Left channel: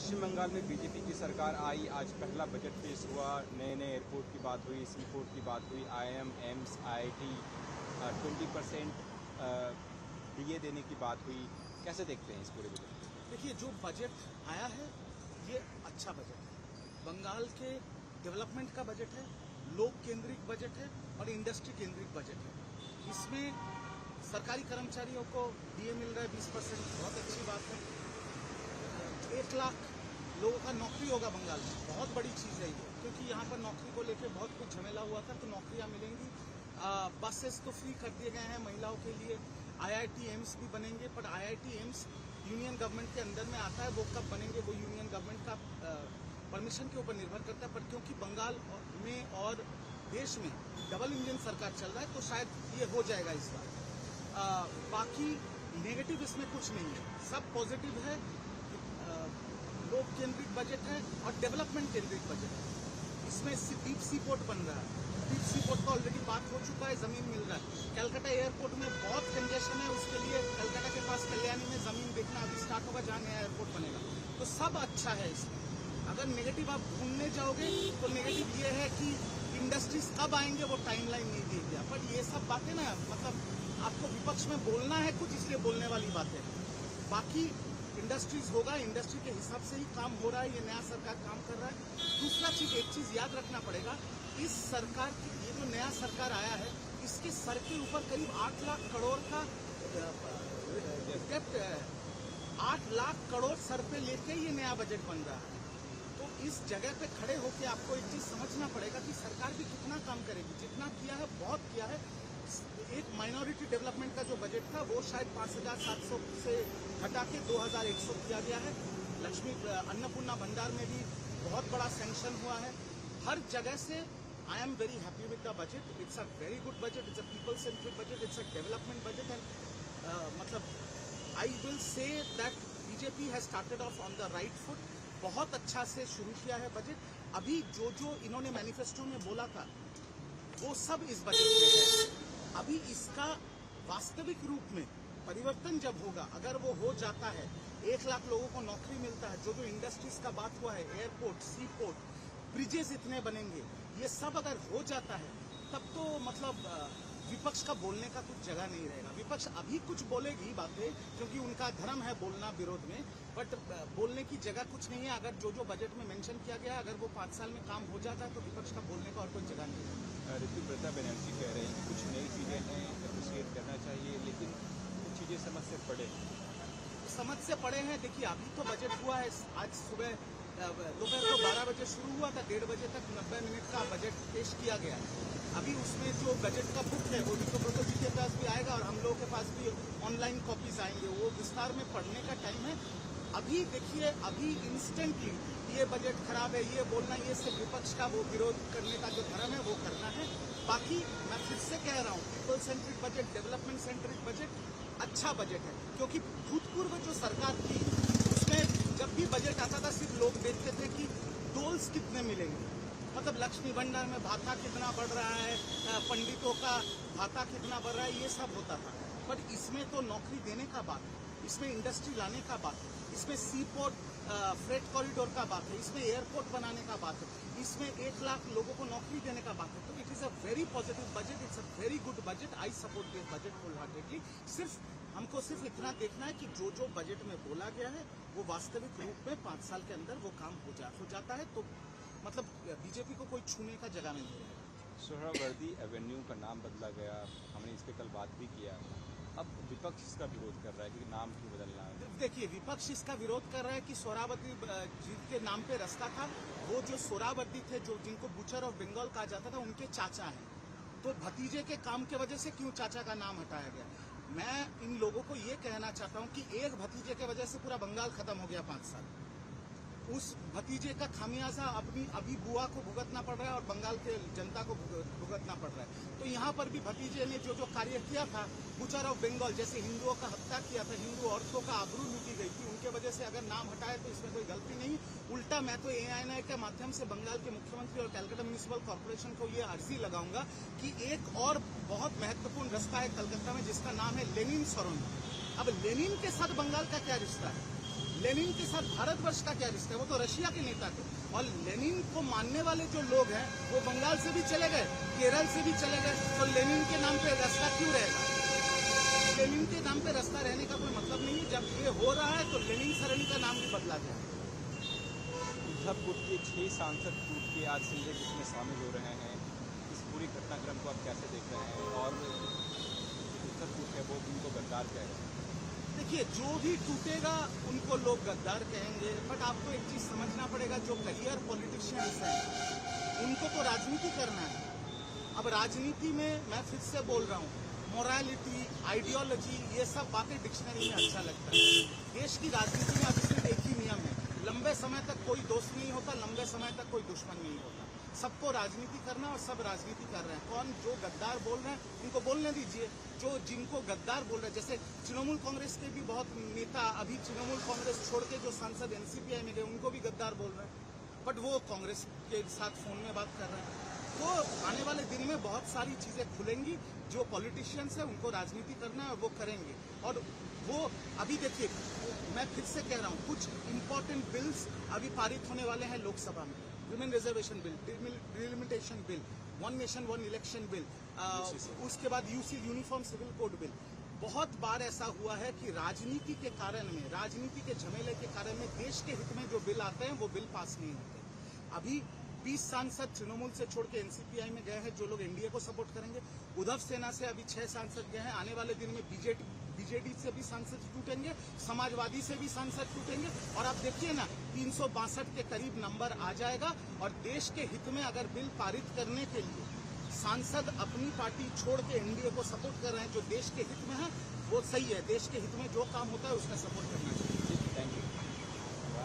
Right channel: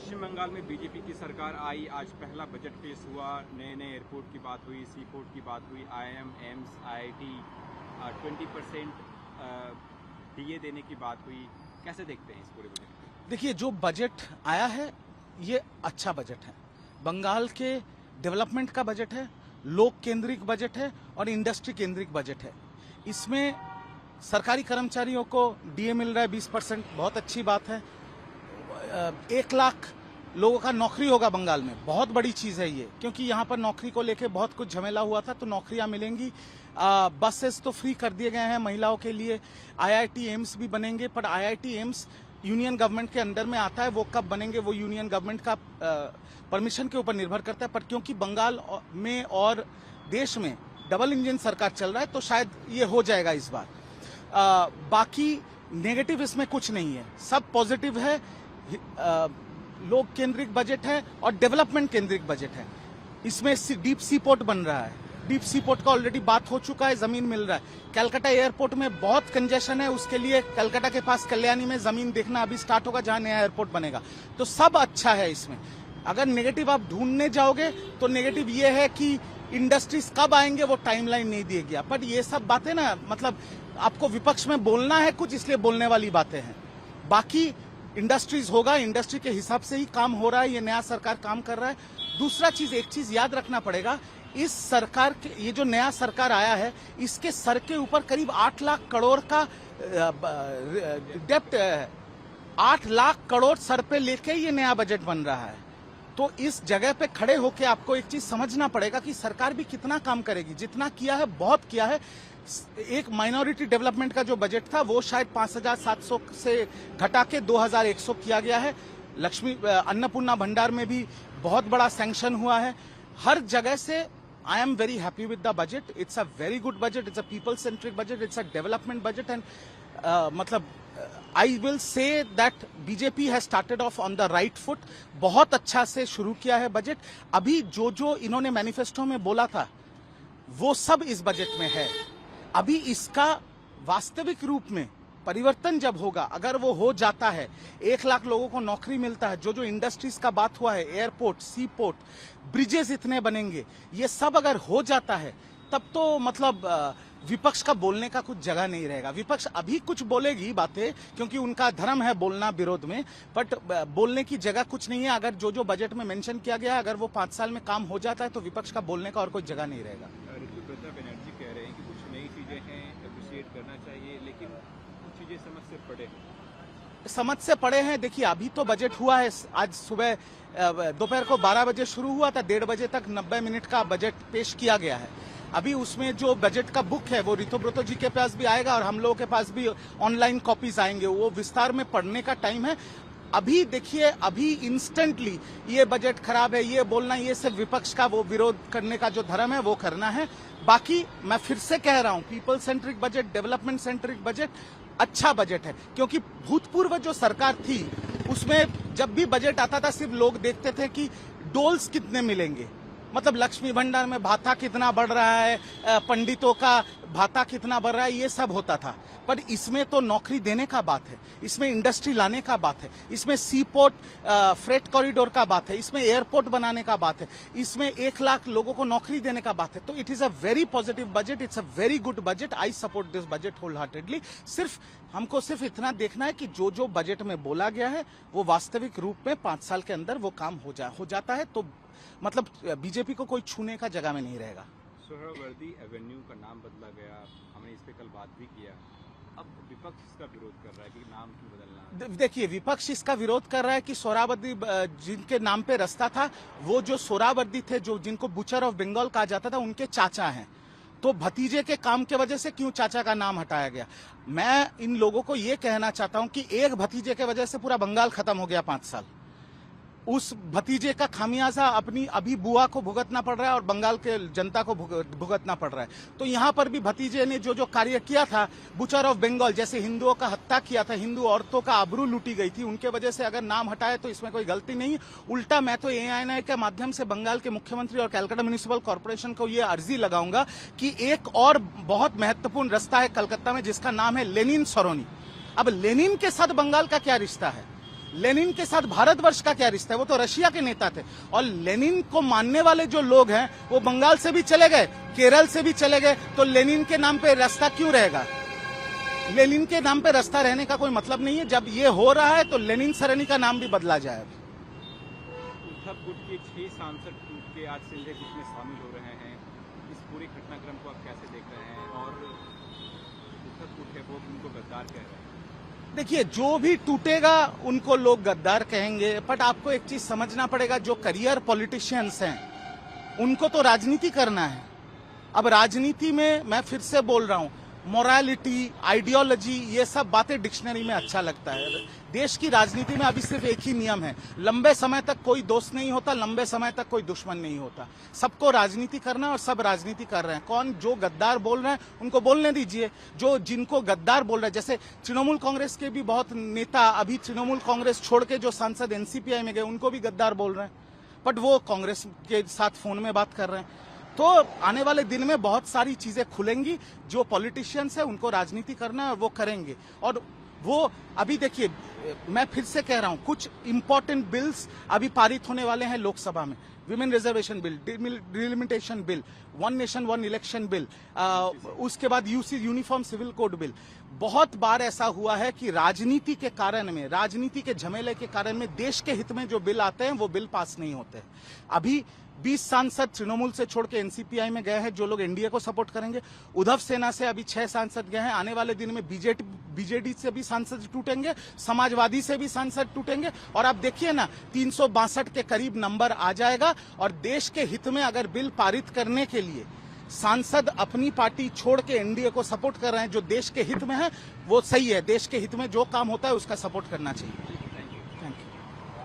पश्चिम बंगाल में बीजेपी की सरकार आई, आज पहला बजट पेश हुआ, नए नए एयरपोर्ट की बात हुई, सी पोर्ट की बात हुई, IIM, एम्स, IIT 20% DA देने की बात हुई। कैसे देखते हैं इस पूरे बजट को? देखिए, जो बजट आया है ये अच्छा बजट है। बंगाल के डेवलपमेंट का बजट है, लोक केंद्रित बजट है और इंडस्ट्री केंद्रित बजट है। इसमें सरकारी कर्मचारियों को DA मिल रहा है 20%, बहुत अच्छी बात है। 1 लाख लोगों का नौकरी होगा बंगाल में, बहुत बड़ी चीज़ है ये, क्योंकि यहाँ पर नौकरी को लेके बहुत कुछ झमेला हुआ था, तो नौकरियाँ मिलेंगी। बसेस तो फ्री कर दिए गए हैं महिलाओं के लिए। IIT एम्स भी बनेंगे, पर IIT एम्स यूनियन गवर्नमेंट के अंडर में आता है, वो कब बनेंगे वो यूनियन गवर्नमेंट का परमिशन के ऊपर निर्भर करता है। पर क्योंकि बंगाल में और देश में डबल इंजन सरकार चल रहा है, तो शायद ये हो जाएगा इस बार। बाकी नेगेटिव इसमें कुछ नहीं है, सब पॉजिटिव है। लोक केंद्रित बजट है और डेवलपमेंट केंद्रित बजट है। इसमें डीप सी पोर्ट बन रहा है, डीप सी पोर्ट का ऑलरेडी बात हो चुका है, जमीन मिल रहा है। कलकत्ता एयरपोर्ट में बहुत कंजेशन है, उसके लिए कलकत्ता के पास कल्याणी में जमीन देखना अभी स्टार्ट होगा, जहां नया एयरपोर्ट बनेगा। तो सब अच्छा है इसमें। अगर नेगेटिव आप ढूंढने जाओगे तो नेगेटिव ये है कि इंडस्ट्रीज कब आएंगे वो टाइमलाइन नहीं दिया गया। पर ये सब बातें ना, मतलब आपको विपक्ष में बोलना है कुछ, इसलिए बोलने वाली बातें हैं। बाकी इंडस्ट्रीज होगा, इंडस्ट्री के हिसाब से ही काम हो रहा है, ये नया सरकार काम कर रहा है। दूसरा चीज, एक चीज याद रखना पड़ेगा, इस सरकार के, ये जो नया सरकार आया है, इसके सर के ऊपर करीब 8 लाख करोड़ का डेप्ट है। 8 लाख करोड़ सर पे लेके ये नया बजट बन रहा है। तो इस जगह पे खड़े होके आपको एक चीज समझना पड़ेगा कि सरकार भी कितना काम करेगी। जितना किया है बहुत किया है। एक माइनॉरिटी डेवलपमेंट का जो बजट था वो शायद 5,700 से घटा के 2,100 किया गया है। लक्ष्मी अन्नपूर्णा भंडार में भी बहुत बड़ा सैंक्शन हुआ है। हर जगह से I am very happy with the budget. It's a very good budget, it's a people centric budget, it's a development budget. And मतलब I will say that BJP has started off on the right foot. बहुत अच्छा से शुरू किया है budget. अभी जो जो इन्होंने मैनिफेस्टो में बोला था वो सब इस बजट में है। अभी इसका वास्तविक रूप में परिवर्तन जब होगा, अगर वो हो जाता है, 1 लाख लोगों को नौकरी मिलता है, जो जो इंडस्ट्रीज का बात हुआ है, एयरपोर्ट, सी पोर्ट, ब्रिजेस इतने बनेंगे, ये सब अगर हो जाता है, तब तो मतलब विपक्ष का बोलने का कुछ जगह नहीं रहेगा। विपक्ष अभी कुछ बोलेगी बातें, क्योंकि उनका धर्म है बोलना विरोध में, बट बोलने की जगह कुछ नहीं है। अगर जो जो बजट में मेंशन किया गया है, अगर वो 5 साल में काम हो जाता है, तो विपक्ष का बोलने का और कोई जगह नहीं रहेगा। ऋतुव्रता बनर्जी कह रहे हैं कि कुछ नई चीजें हैं, एप्रिशिएट करना चाहिए, लेकिन कुछ चीजें समझ से पड़े हैं। देखिए, अभी तो बजट हुआ है, आज सुबह दोपहर को 12 बजे शुरू हुआ था, 1:30 बजे तक 90 मिनट का बजट पेश किया गया है। अभी उसमें जो बजट का बुक है वो ऋतुव्रता जी के पास भी आएगा और हम लोगों के पास भी ऑनलाइन कॉपीज आएंगे, वो विस्तार में पढ़ने का टाइम है। अभी देखिए, अभी इंस्टेंटली ये बजट खराब है ये बोलना, ये सिर्फ विपक्ष का वो विरोध करने का जो धर्म है वो करना है। बाकी मैं फिर से कह रहा हूँ, people centric budget, development centric budget अच्छा बजट है। क्योंकि भूतपूर्व जो सरकार थी उसमें जब भी बजट आता था, सिर्फ लोग देखते थे कि डोल्स कितने मिलेंगे, मतलब लक्ष्मी भंडार में भाता कितना बढ़ रहा है, पंडितों का भाता कितना बढ़ रहा है, ये सब होता था। पर इसमें तो नौकरी देने का बात है, इसमें इंडस्ट्री लाने का बात है, इसमें सी पोर्ट फ्रेट कॉरिडोर का बात है, इसमें एयरपोर्ट बनाने का बात है, इसमें 1 लाख लोगों को नौकरी देने का बात है। तो it is a very positive budget, it's a very good budget. I support this budget wholeheartedly. हमको सिर्फ इतना देखना है कि जो जो बजट में बोला गया है वो वास्तविक रूप में 5 साल के अंदर वो काम हो जाता है, तो मतलब बीजेपी को कोई छूने का जगह में नहीं रहेगा। सोहरावर्दी एवेन्यू का नाम बदला गया, हमने इस पे कल बात भी किया। अब विपक्ष इसका विरोध कर रहा है कि नाम क्यों बदलना। देखिए, विपक्ष इसका विरोध कर रहा है कि सोहरावर्दी जिनके नाम पे रास्ता था, वो जो सोहरावर्दी थे, जो जिनको बुचर ऑफ बंगाल कहा जाता था, उनके चाचा हैं। तो भतीजे के काम के वजह से क्यों चाचा का नाम हटाया गया। मैं इन लोगों को ये कहना चाहता हूं कि एक भतीजे के वजह से पूरा बंगाल खत्म हो गया 5 साल। उस भतीजे का खामियाजा अपनी अभी बुआ को भुगतना पड़ रहा है और बंगाल के जनता को भुगतना पड़ रहा है। तो यहाँ पर भी भतीजे ने जो जो कार्य किया था, बुचर ऑफ बंगाल, जैसे हिंदुओं का हत्या किया था, हिंदू औरतों का आबरू लूटी गई थी, उनके वजह से अगर नाम हटाए तो इसमें कोई गलती नहीं। उल्टा मैं तो ANI के माध्यम से बंगाल के मुख्यमंत्री और कलकत्ता म्युनिसिपल कॉर्पोरेशन को ये अर्जी लगाऊंगा कि एक और बहुत महत्वपूर्ण रास्ता है कलकत्ता में, जिसका नाम है लेनिन सरोनी। अब लेनिन के साथ बंगाल का क्या रिश्ता है? लेनिन के साथ भारतवर्ष का क्या रिश्ता है? वो तो रशिया के नेता थे। और लेनिन को मानने वाले जो लोग हैं वो बंगाल से भी चले गए, केरल से भी चले गए, तो लेनिन के नाम पे रास्ता क्यों रहेगा? लेनिन के नाम पे रास्ता रहने का कोई मतलब नहीं है। जब ये हो रहा है तो लेनिन सरणी का नाम भी बदला जाएगा। उद्धव गुट के 6 सांसद टूट के आज संजय गुट में शामिल हो रहे हैं। इस पूरी घटनाक्रम को आप कैसे देख रहे हैं? और उद्धव गुट है वो उनको गद्दार कह रहे हैं। देखिए, जो भी टूटेगा उनको लोग गद्दार कहेंगे, बट आपको एक चीज समझना पड़ेगा, जो करियर पॉलिटिशियंस हैं उनको तो राजनीति करना है। अब राजनीति में मैं फिर से बोल रहा हूं, मोरालिटी, आइडियोलॉजी, ये सब बातें डिक्शनरी में अच्छा लगता है। देश की राजनीति में अभी सिर्फ एक ही नियम है, लंबे समय तक कोई दोस्त नहीं होता, लंबे समय तक कोई दुश्मन नहीं होता। सबको राजनीति करना और सब राजनीति कर रहे हैं। कौन जो गद्दार बोल रहे हैं उनको बोलने दीजिए। जो जिनको गद्दार बोल रहे हैं, जैसे तृणमूल कांग्रेस के भी बहुत नेता अभी तृणमूल कांग्रेस छोड़ के जो सांसद एनसीपीआई में गए उनको भी गद्दार बोल रहे हैं, बट वो कांग्रेस के साथ फोन में बात कर रहे हैं। तो आने वाले दिन में बहुत सारी चीजें खुलेंगी। जो पॉलिटिशियंस है उनको राजनीति करना है और वो करेंगे। और वो अभी देखिए, मैं फिर से कह रहा हूं, कुछ इंपॉर्टेंट बिल्स अभी पारित होने वाले हैं लोकसभा में। Women reservation bill, delimitation bill, one nation one election bill, उसके बाद यूनिफॉर्म सिविल कोड बिल। बहुत बार ऐसा हुआ है कि राजनीति के कारण में, राजनीति के झमेले के कारण में देश के हित में जो बिल आते हैं वो बिल पास नहीं होते। अभी 20 सांसद तृणमूल से छोड़ के एनसीपीआई में गए हैं, जो लोग एनडीए को सपोर्ट करेंगे। उद्धव सेना से अभी 6 सांसद गए हैं। आने वाले दिन में बीजेडी से भी सांसद टूटेंगे, समाजवादी से भी सांसद टूटेंगे। और आप देखिए ना, 362 के करीब नंबर आ जाएगा। और देश के हित में अगर बिल पारित करने के लिए सांसद अपनी पार्टी छोड़ के एनडीए को सपोर्ट कर रहे हैं, जो देश के हित में है वो सही है। देश के हित में जो काम होता है उसका सपोर्ट करना चाहिए।